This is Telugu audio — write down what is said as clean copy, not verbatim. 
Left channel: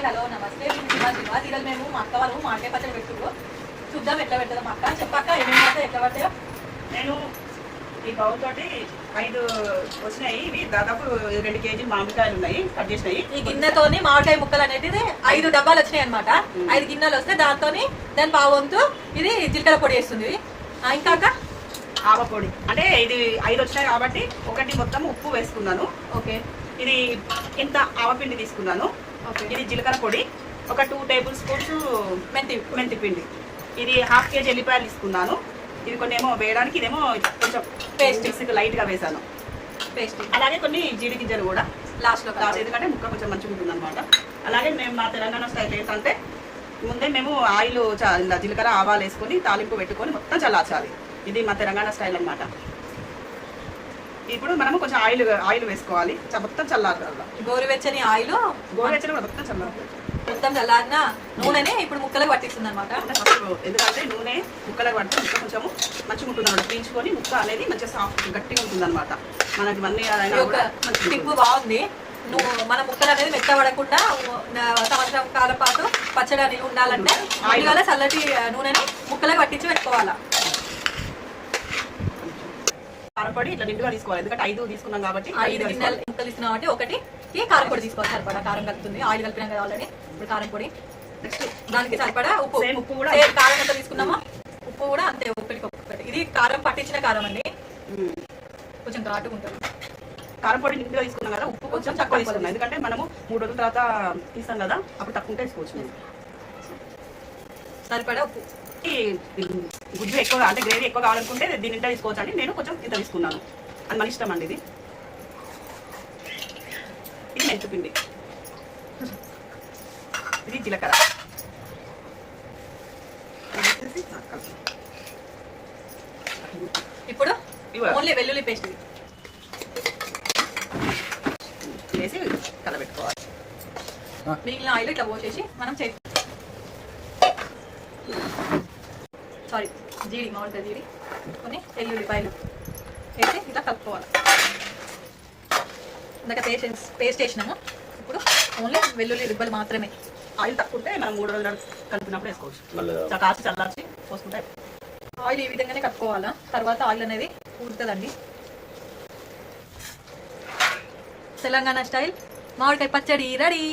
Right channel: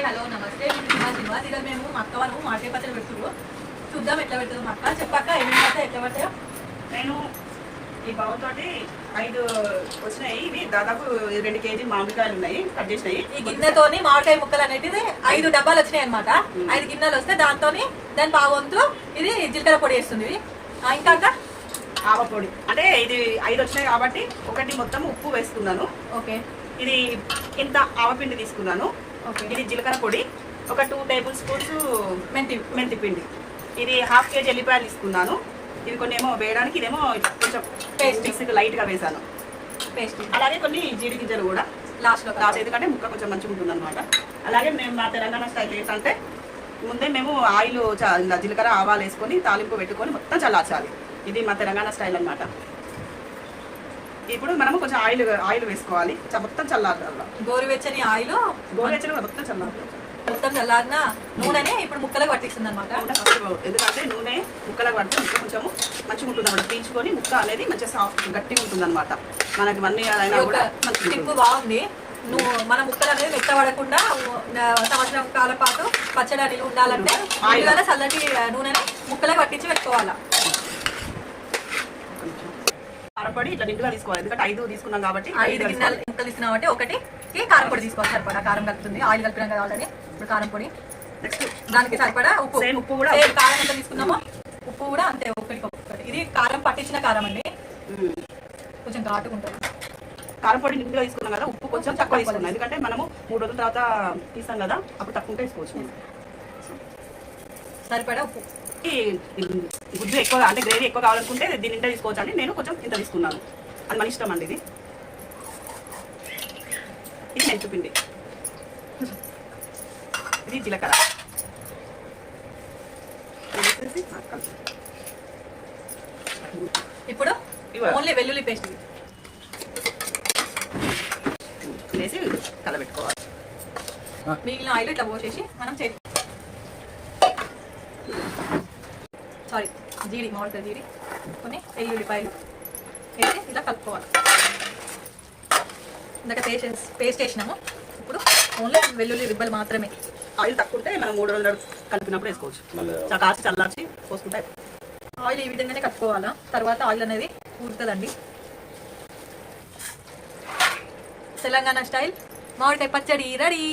హాయ్ హలో నమస్తే శ్రీనివాస్ ఈరోజు మేము మా అక్క వాళ్ళు మామిడికాయ పచ్చడి పెట్టుకో చూద్దాం ఎట్లా పెడతాం అక్క చెప్పక్క ఏమేమి పడతాయి ఎట్లా పడతాయో. నేను ఈ బౌల్ తోటి 5 వచ్చినాయి. ఇవి దాదాపు 2 కేజీ మామిడికాయలు ఉన్నాయి, కట్ చేసినాయి. ఈ గిన్నెతోని మామిడికాయ ముక్కలు అనేది 5 డబ్బాలు వచ్చినాయి అనమాట. 5 గిన్నెలు వస్తే దాని పావంతు ఇది జీలకర్ర పొడి వేస్తుంది. ఇంకా అక్క ఆవ పొడి అంటే ఇది 5 వచ్చినాయి కాబట్టి ఒకటి మొత్తం ఉప్పు వేసుకున్నాను. ఓకే, ఇది ఇంత ఆవపిండి తీసుకున్నాను. ఇది జీలకర్ర పొడి ఒక 2 టేబుల్ స్పూన్స్ మెంతి పిండి. ఇది 1/2 కేజీ ఎల్లిపాయలు తీసుకున్నాను. ఇవి కొన్ని ఏమో వేయడానికి, ఇదేమో కొంచెం పేస్ట్ లైట్ గా వేసాను పేస్ట్. అలాగే కొన్ని జీడి గింజలు కూడా లాస్ట్ ఎందుకంటే ముక్క కొంచెం మంచిగా ఉంటుంది అనమాట. అలాగే మేము మా తెలంగాణ స్టైల్ ఏంటంటే ముందే మేము ఆయిల్ జీలకర్ర ఆవాలు వేసుకొని తాలింపు పెట్టుకొని మొత్తం చల్లార్చాలి. ఇది మా తెలంగాణ స్టైల్ అనమాట. ఇప్పుడు మనము కొంచెం ఆయిల్ వేసుకోవాలి, మొత్తం చల్లారాలి. గోరువెచ్చని ఆయిల్ కూడా మొత్తం చల్లారు. మొత్తం చల్లారిన నూనెనే ఇప్పుడు ముక్కలకు పట్టిస్తుంది అనమాట. ఎందుకంటే నూనె ముక్కలకు పడితే ముక్క కొంచెము మంచిగా ఉంటుంది అనమాట. పీల్చుకొని ముక్క అనేది మంచిగా సాఫ్ట్ గట్టిగా ఉంటుంది అనమాట. మనకి టిప్పు బాగుంది. మన ముక్కలు అనేది మెత్తబడకుండా సంవత్సరం కాలం పాటు పచ్చడి అనేది ఉండాలంటే ఆయిల్ చల్లటి నూనెని ముక్కలకు పట్టించి పెట్టుకోవాలా. కారపొడి ఇట్లా నిండుగా తీసుకోవాలి, ఎందుకంటే 5 తీసుకున్నాం కాబట్టి 5 గిన్నెలు ముక్కలు తీసుకున్నాం అంటే ఒకటికి కారపొడి తీసుకోవాలి. సరిపడా కారం కలుపుతుంది, ఆయిల్ కలిపినాం కదా ఆల్రెడీ. ఇప్పుడు కారం పొడి, నెక్స్ట్ దానికి సరిపడా ఉప్పు కూడా కారం ఎంత తీసుకున్నామో ఉప్పు కూడా అంతే, ఒకటి. ఇది కారం పట్టించిన కారం అండి, కొంచెం ఘాటుగా ఉంటుంది. కారం పొడి నిండుగా తీసుకున్నాం కదా, ఉప్పు కొంచెం తక్కువ తీసుకున్నాం, ఎందుకంటే మనము 3 రోజుల తర్వాత తీస్తాం కదా, అప్పుడు తక్కువ వేసుకోవచ్చు. మనం సరిపడా ఉప్పు. గుజ్జు ఎక్కువ అంటే గ్రేవీ ఎక్కువ కావాలనుకుంటే దీని ఇంత తీసుకోవచ్చు అండి. నేను కొంచెం ఇంత తీసుకున్నాను, అది మన ఇష్టం అండి. ఇది మెంతిపిండి, ఇది జీలకర్ర, ఇప్పుడు ఓన్లీ వెల్లుల్లి పేస్ట్ వేసి కలబెట్టుకోవాలి. నీళ్ళ ఆయిల్ ఇట్లా పోసేసి మనం జీడి మామిడికాయ జీడి కొని వెల్లుల్లిపాయలు వేసి ఇట్లా కలుపుకోవాలి. ఇందాక పేస్ట్ వేసినాము, ఇప్పుడు ఓన్లీ వెల్లుల్లి రిబ్బలు మాత్రమే. ఆయిల్ తక్కువ ఉంటే మనం 3 రోజులు కలిపినప్పుడు వేసుకోవచ్చు. కాచి చల్లార్చి పోసుకుంటే ఆయిల్ ఈ విధంగానే కలుపుకోవాలా, తర్వాత ఆయిల్ అనేది ఊరుతుందండి. తెలంగాణ స్టైల్ మామిడికాయ పచ్చడి రెడీ.